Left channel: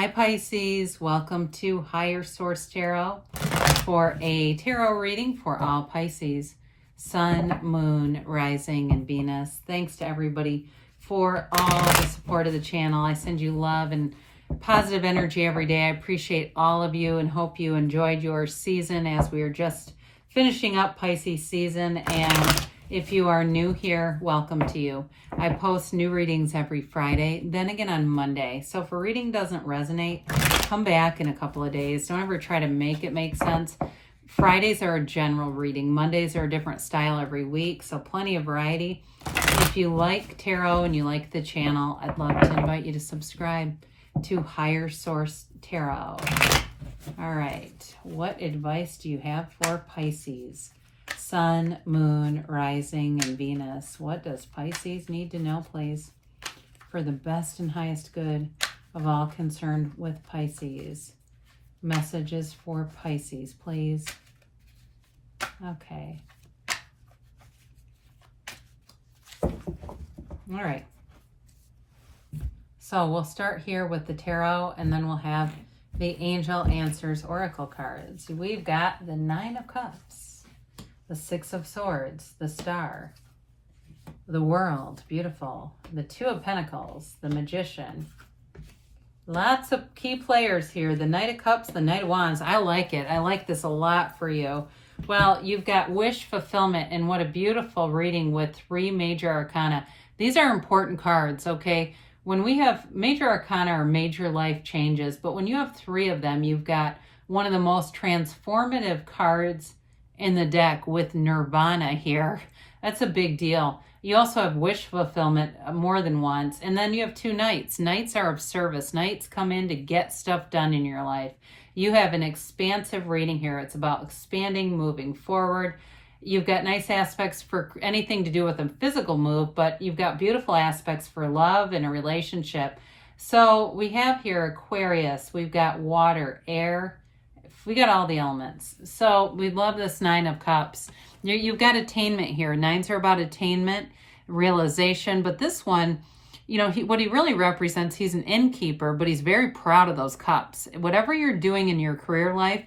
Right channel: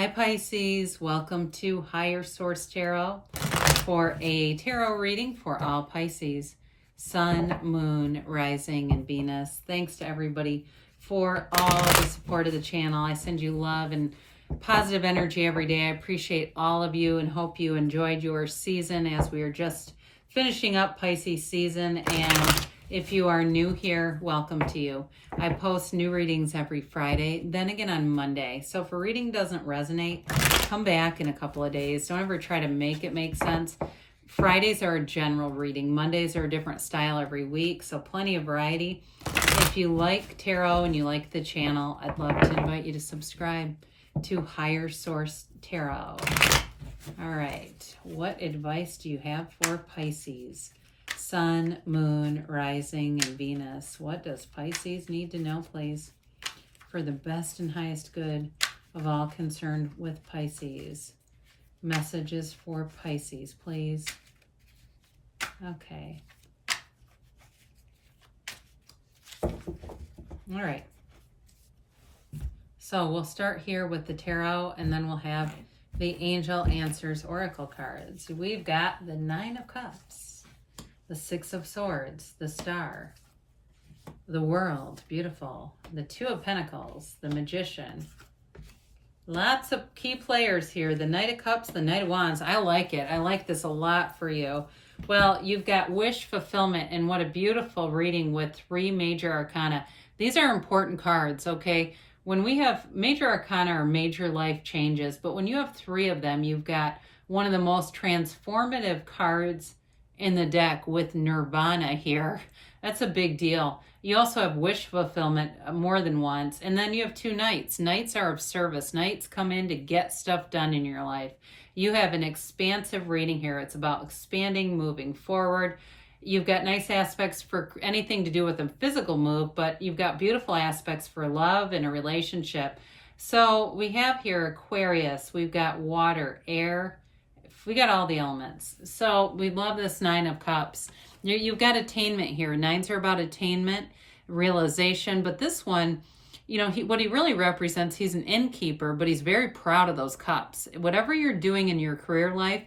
Hi Pisces, welcome to Higher Source Tarot for a tarot reading for all Pisces, Sun, Moon, Rising, and Venus. Thanks to everybody for all the support of the channel. I send you love and positive energy every day. I appreciate all of you and hope you enjoyed your season as we are just finishing up Pisces season. And if you are new here, welcome to you. I post new readings every Friday, then again on Monday. So if a reading doesn't resonate, come back in a couple of days. Don't ever try to make it make sense. Fridays are a general reading. Mondays are a different style every week, so plenty of variety. If you like tarot and you like the channel, I'd love to invite you to subscribe to Higher Source Tarot. All right, what advice do you have for Pisces? Sun, Moon, Rising, and Venus. What does Pisces need to know, please, for the best and highest good of all concerned with Pisces? Messages for Pisces, please. Okay. All right. So we'll start here with the tarot, and then we'll have the Angel Answers Oracle cards. We've got the Nine of Cups, the Six of Swords, the Star, the World, beautiful, the Two of Pentacles, the Magician. Lots of key players here. The Knight of Cups, the Knight of Wands. I like it. I like this a lot for you. Well, you've got wish fulfillment, and what a beautiful reading with three major arcana. These are important cards, okay? When we have major arcana or major life changes, but when you have three of them, you've got one of the most transformative cards in the deck with Nirvana here. That's a big deal. You also have wish fulfillment more than once. And then you have two knights. Knights are of service. Knights come in to get stuff done in your life. You have an expansive reading here. It's about expanding, moving forward. You've got nice aspects for anything to do with a physical move, but you've got beautiful aspects for love and a relationship. So we have here Aquarius. We've got water, air. We got all the elements. So we love this Nine of Cups. You've got attainment here. Nines are about attainment, realization. But this one, you know, what he really represents, he's an innkeeper, but he's very proud of those cups. Whatever you're doing in your career life,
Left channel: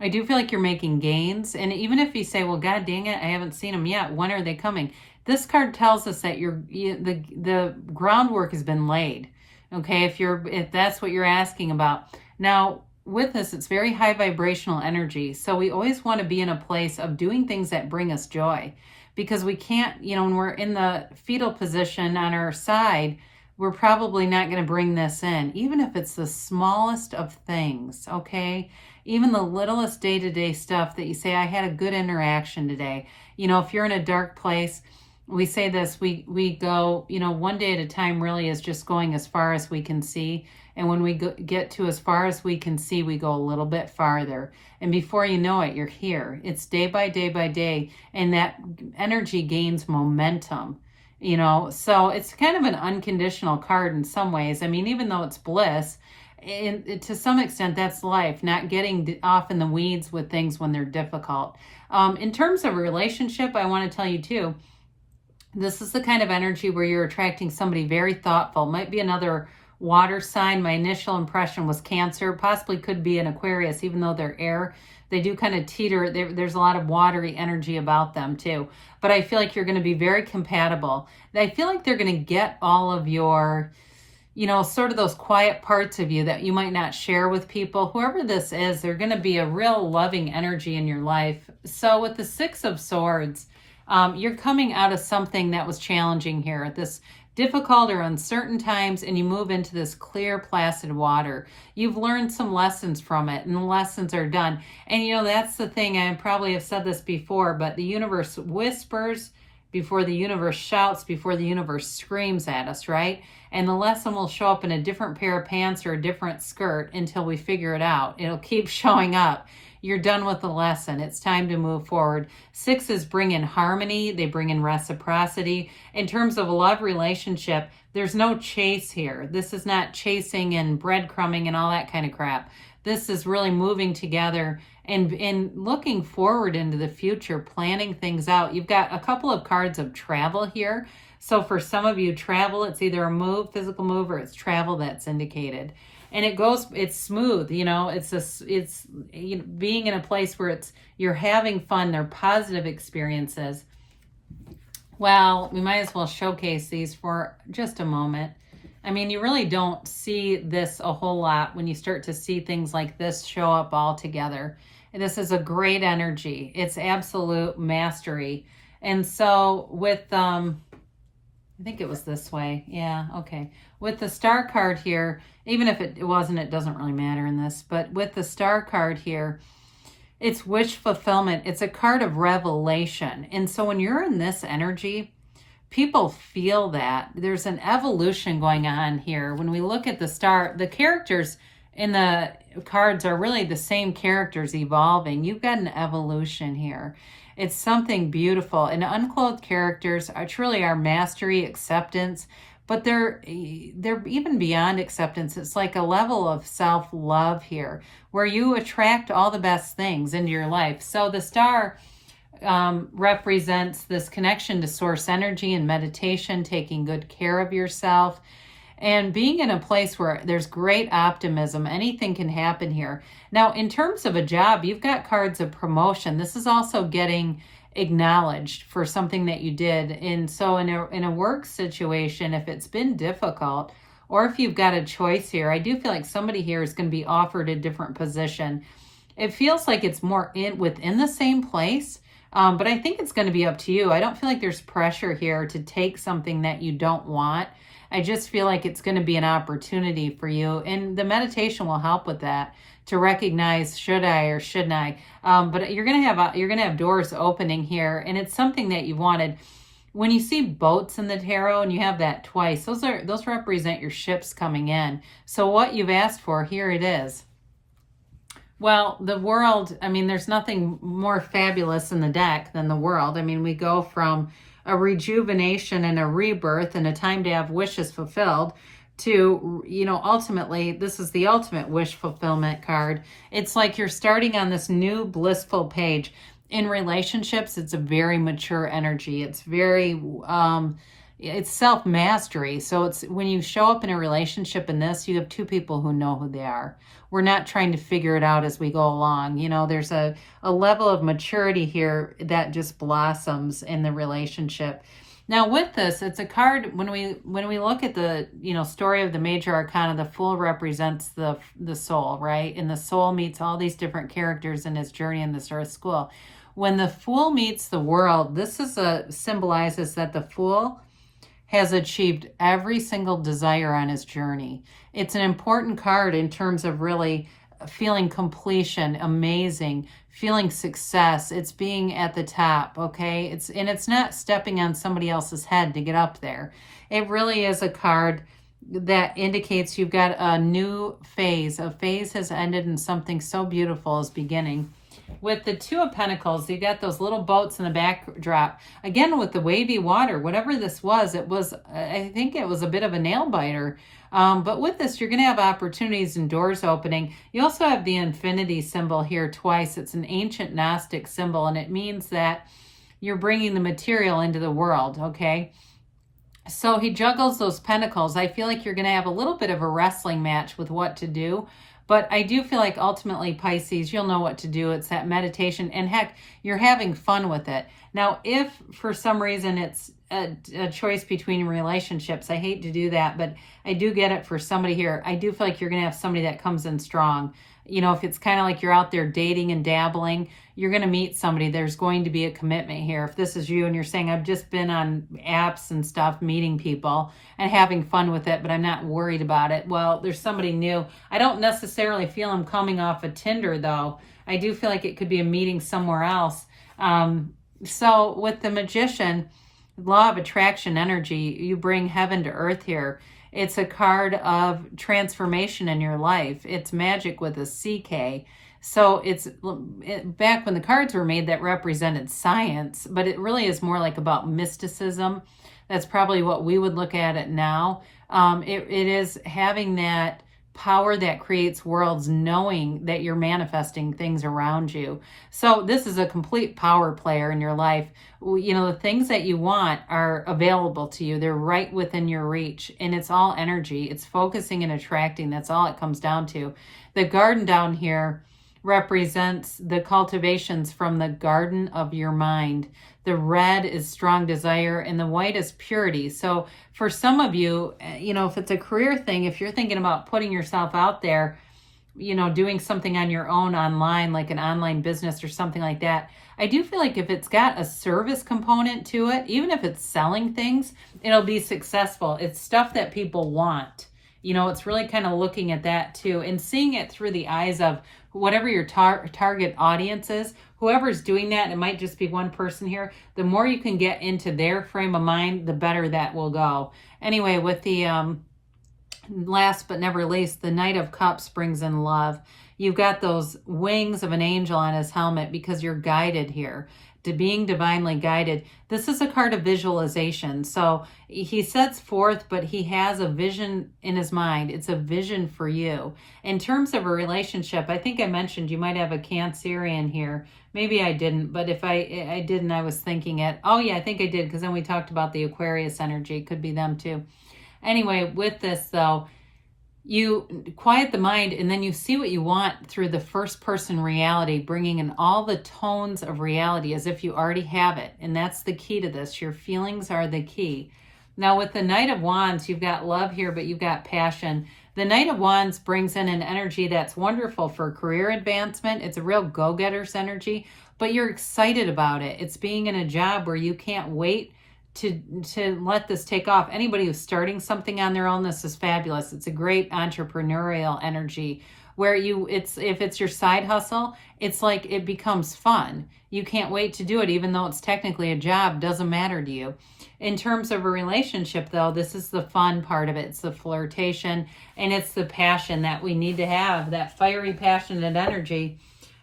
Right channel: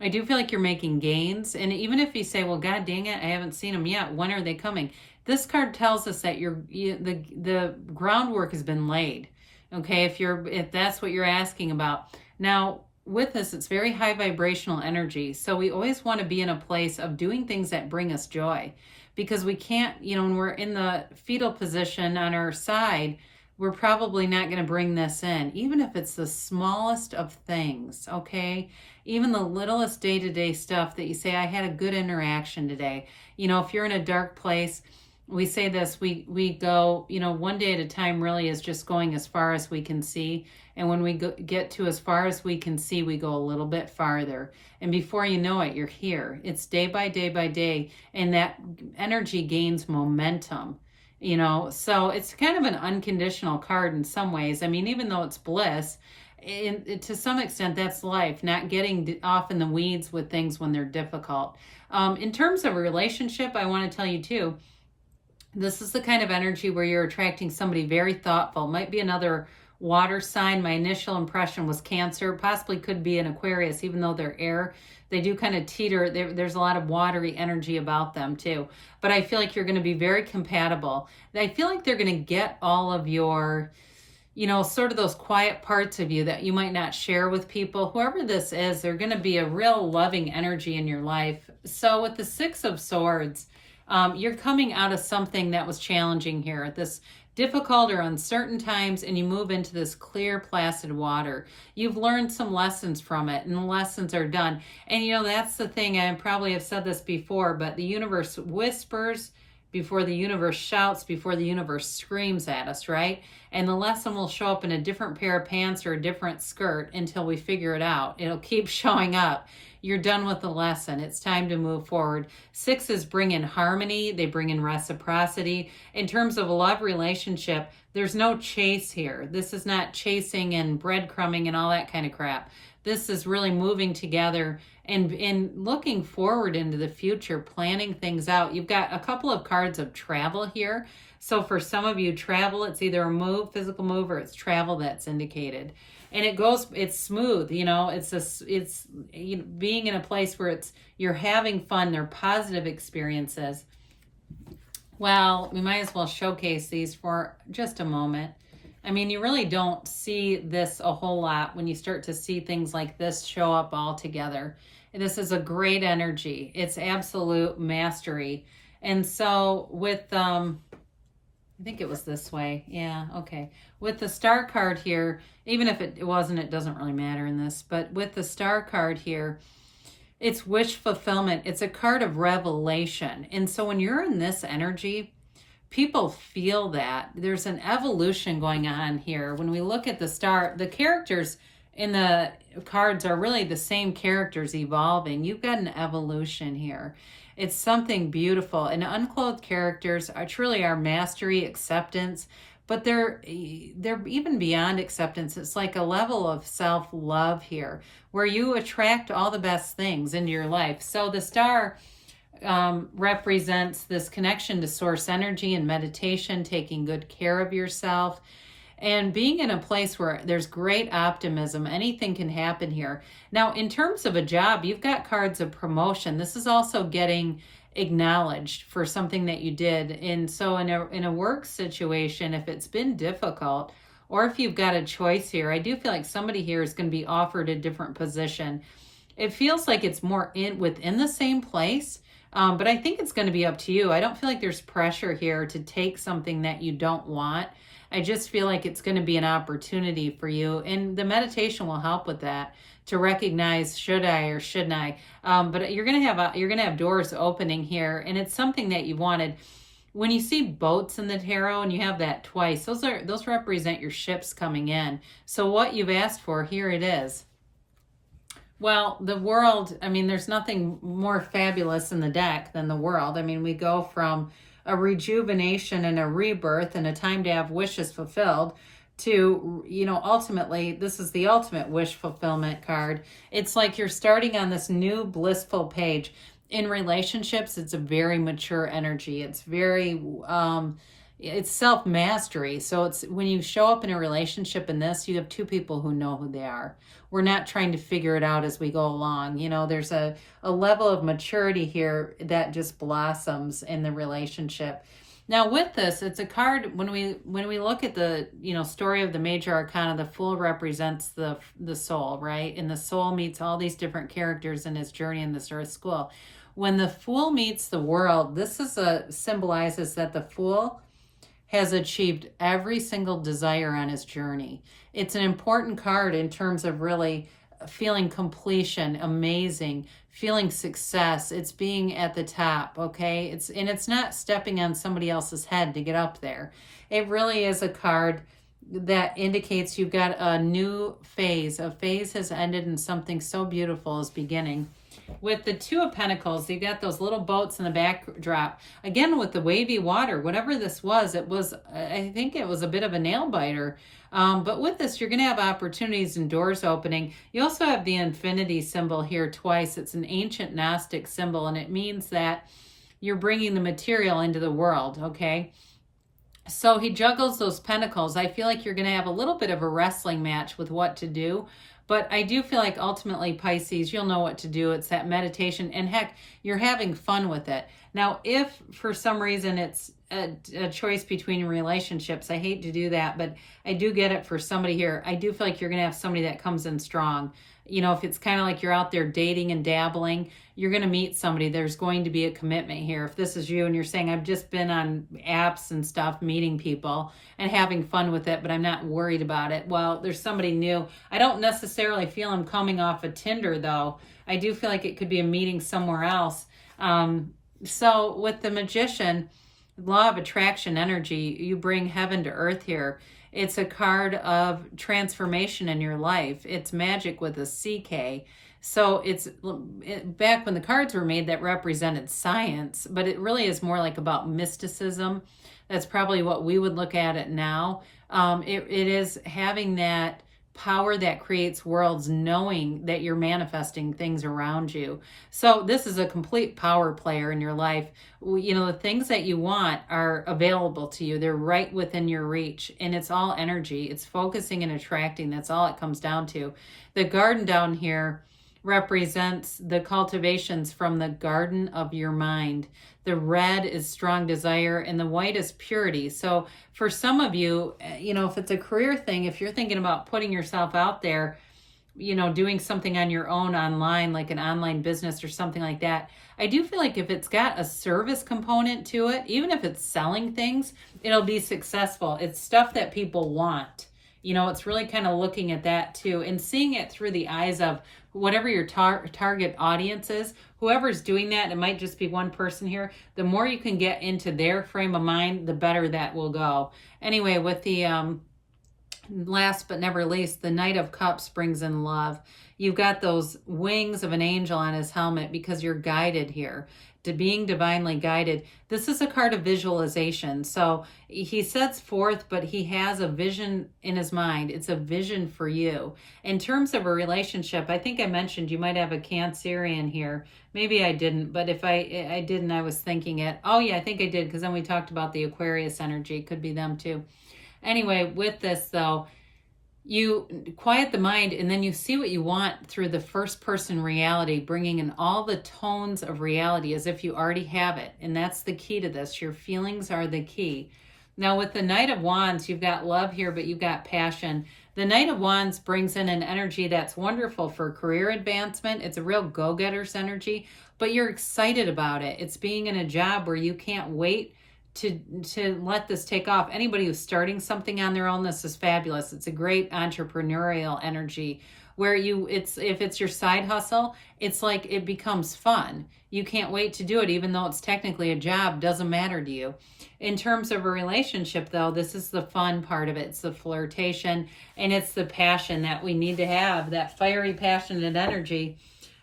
I do feel like you're making gains. And even if you say, well, God dang it, I haven't seen them yet. When are they coming? This card tells us that the groundwork has been laid. Okay, if that's what you're asking about. Now, with this, it's very high vibrational energy. So we always want to be in a place of doing things that bring us joy, because we can't, you know, when we're in the fetal position on our side, we're probably not going to bring this in, even if it's the smallest of things, okay? Even the littlest day-to-day stuff that you say, I had a good interaction today. You know, if you're in a dark place, we say this, we go, you know, one day at a time really is just going as far as we can see. And when we get to as far as we can see, we go a little bit farther. And before you know it, you're here. It's day by day by day. And that energy gains momentum, you know. So it's kind of an unconditional card in some ways. I mean, even though it's bliss, to some extent, that's life, not getting off in the weeds with things when they're difficult. In terms of a relationship, I want to tell you too, this is the kind of energy where you're attracting somebody very thoughtful. Might be another water sign. My initial impression was Cancer, possibly could be an Aquarius, even though they're air. They do kind of teeter. There's a lot of watery energy about them too. But I feel like you're going to be very compatible. I feel like they're going to get all of your, you know, sort of those quiet parts of you that you might not share with people. Whoever this is, they're going to be a real loving energy in your life. So with the Six of Swords, you're coming out of something that was challenging here, this difficult or uncertain times, and you move into this clear, placid water. You've learned some lessons from it, and the lessons are done. And, you know, that's the thing, I probably have said this before, but the universe whispers before the universe shouts, before the universe screams at us, right? And the lesson will show up in a different pair of pants or a different skirt until we figure it out. It'll keep showing up. You're done with the lesson. It's time to move forward. Sixes bring in harmony. They bring in reciprocity. In terms of a love relationship, there's no chase here. This is not chasing and breadcrumbing and all that kind of crap. This is really moving together and looking forward into the future, planning things out. You've got a couple of cards of travel here. So for some of you, travel, it's either a move, physical move, or it's travel that's indicated. And it's smooth, it's being in a place where you're having fun, they're positive experiences. Well, we might as well showcase these for just a moment. I mean, you really don't see this a whole lot when you start to see things like this show up all together. This is a great energy. It's absolute mastery. And so with, I think it was this way. Yeah, okay. With the star card here, even if it wasn't, it doesn't really matter in this. But with the star card here, it's wish fulfillment. It's a card of revelation. And so when you're in this energy, people feel that. There's an evolution going on here. When we look at the star, the characters in the cards are really the same characters evolving. You've got an evolution here. It's something beautiful. And unclothed characters are truly our mastery, acceptance, but they're even beyond acceptance. It's like a level of self-love here where you attract all the best things into your life. So the star represents this connection to source energy and meditation, taking good care of yourself, and being in a place where there's great optimism. Anything can happen here. Now, in terms of a job, you've got cards of promotion. This is also getting acknowledged for something that you did. And so in a work situation, if it's been difficult, or if you've got a choice here, I do feel like somebody here is going to be offered a different position. It feels like it's more within the same place, but I think it's going to be up to you. I don't feel like there's pressure here to take something that you don't want. I just feel like it's going to be an opportunity for you, and the meditation will help with that, to recognize, should I or shouldn't I? But you're going to have doors opening here, and it's something that you wanted. When you see boats in the tarot and you have that twice, those represent your ships coming in. So what you've asked for, here it is. Well, the world, I mean, there's nothing more fabulous in the deck than the world. I mean, we go from a rejuvenation and a rebirth and a time to have wishes fulfilled to, ultimately, this is the ultimate wish fulfillment card. It's like you're starting on this new blissful page. In relationships, it's a very mature energy. It's very, it's self-mastery. So it's when you show up in a relationship in this, you have two people who know who they are. We're not trying to figure it out as we go along. There's a level of maturity here that just blossoms in the relationship. Now with this, it's a card, when we look at the, story of the major arcana, the Fool represents the soul, right? And the soul meets all these different characters in his journey in this earth school. When the Fool meets the world, this symbolizes that the Fool has achieved every single desire on his journey. It's an important card in terms of really feeling completion, amazing, feeling success. It's being at the top, okay? It's not stepping on somebody else's head to get up there. It really is a card that indicates you've got a new phase. A phase has ended and something so beautiful is beginning. With the Two of Pentacles, you got those little boats in the backdrop. Again, with the wavy water, whatever this was, I think it was a bit of a nail biter. But with this, you're going to have opportunities and doors opening. You also have the infinity symbol here twice. It's an ancient Gnostic symbol, and it means that you're bringing the material into the world, okay? So he juggles those pentacles. I feel like you're going to have a little bit of a wrestling match with what to do. But I do feel like ultimately, Pisces, you'll know what to do. It's that meditation. And heck, you're having fun with it. Now, if for some reason it's a choice between relationships, I hate to do that, but I do get it for somebody here. I do feel like you're going to have somebody that comes in strong. If it's kind of like you're out there dating and dabbling, you're going to meet somebody. There's going to be a commitment here. If this is you and you're saying, I've just been on apps and stuff, meeting people and having fun with it, but I'm not worried about it. Well, there's somebody new. I don't necessarily feel I'm coming off of Tinder, though. I do feel like it could be a meeting somewhere else. So with the Magician, law of attraction energy, you bring heaven to earth here. It's a card of transformation in your life. It's magic with a CK. So back when the cards were made, that represented science, but it really is more like about mysticism. That's probably what we would look at it now. It is having that power that creates worlds, knowing that you're manifesting things around you. So this is a complete power player in your life. You know, the things that you want are available to you. They're right within your reach, and it's all energy. It's focusing and attracting. That's all it comes down to. The garden down here represents the cultivations from the garden of your mind. The red is strong desire, and the white is purity. So for some of you, you know, if it's a career thing, if you're thinking about putting yourself out there, you know, doing something on your own online, like an online business or something like that, I do feel like if it's got a service component to it, even if it's selling things, it'll be successful. It's stuff that people want. You know, it's really kind of looking at that too and seeing it through the eyes of whatever your target audience is. Whoever's doing that, it might just be one person here. The more you can get into their frame of mind, the better that will go. Anyway, with the last but never least, the Knight of Cups brings in love. You've got those wings of an angel on his helmet because you're guided here to being divinely guided. This is a card of visualization. So he sets forth, but he has a vision in his mind. It's a vision for you. In terms of a relationship, I think I mentioned you might have a Cancerian here. Maybe I didn't, but if I didn't, I was thinking it. Oh yeah, I think I did, because then we talked about the Aquarius energy. It could be them too. Anyway, with this though, you quiet the mind and then you see what you want through the first person reality, bringing in all the tones of reality as if you already have it. And that's the key to this. Your feelings are the key. Now with the Knight of Wands, you've got love here, but you've got passion. The Knight of Wands brings in an energy that's wonderful for career advancement. It's a real go-getter's energy, but you're excited about it. It's being in a job where you can't wait to let this take off. Anybody who's starting something on their own, this is fabulous. It's a great entrepreneurial energy where if it's your side hustle, it's like it becomes fun. You can't wait to do it, even though it's technically a job, doesn't matter to you. In terms of a relationship though, this is the fun part of it. It's the flirtation and it's the passion that we need to have, that fiery, passionate energy.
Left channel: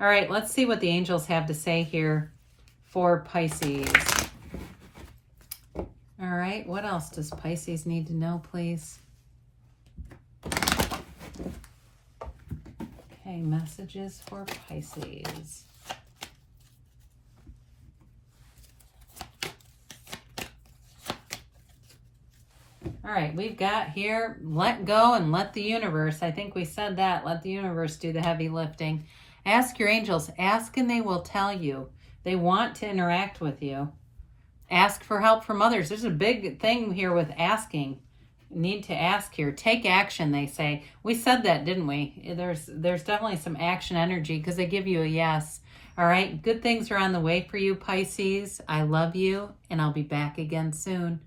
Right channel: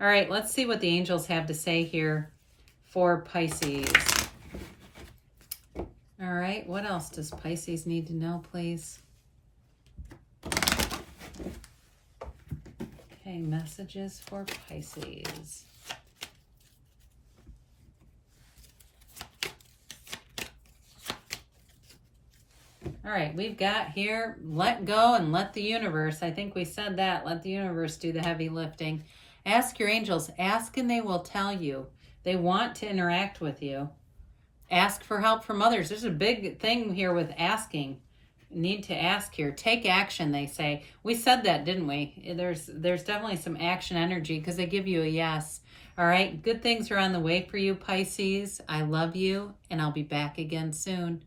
All right, let's see what the angels have to say here for Pisces. All right, what else does Pisces need to know, please? Okay, messages for Pisces. All right, we've got here, let go and let the universe. I think we said that. Let the universe do the heavy lifting. Ask your angels. Ask and they will tell you. They want to interact with you. Ask for help from others. There's a big thing here with asking. You need to ask here. Take action, they say. We said that, didn't we? There's definitely some action energy because they give you a yes. All right, good things are on the way for you, Pisces. I love you, and I'll be back again soon.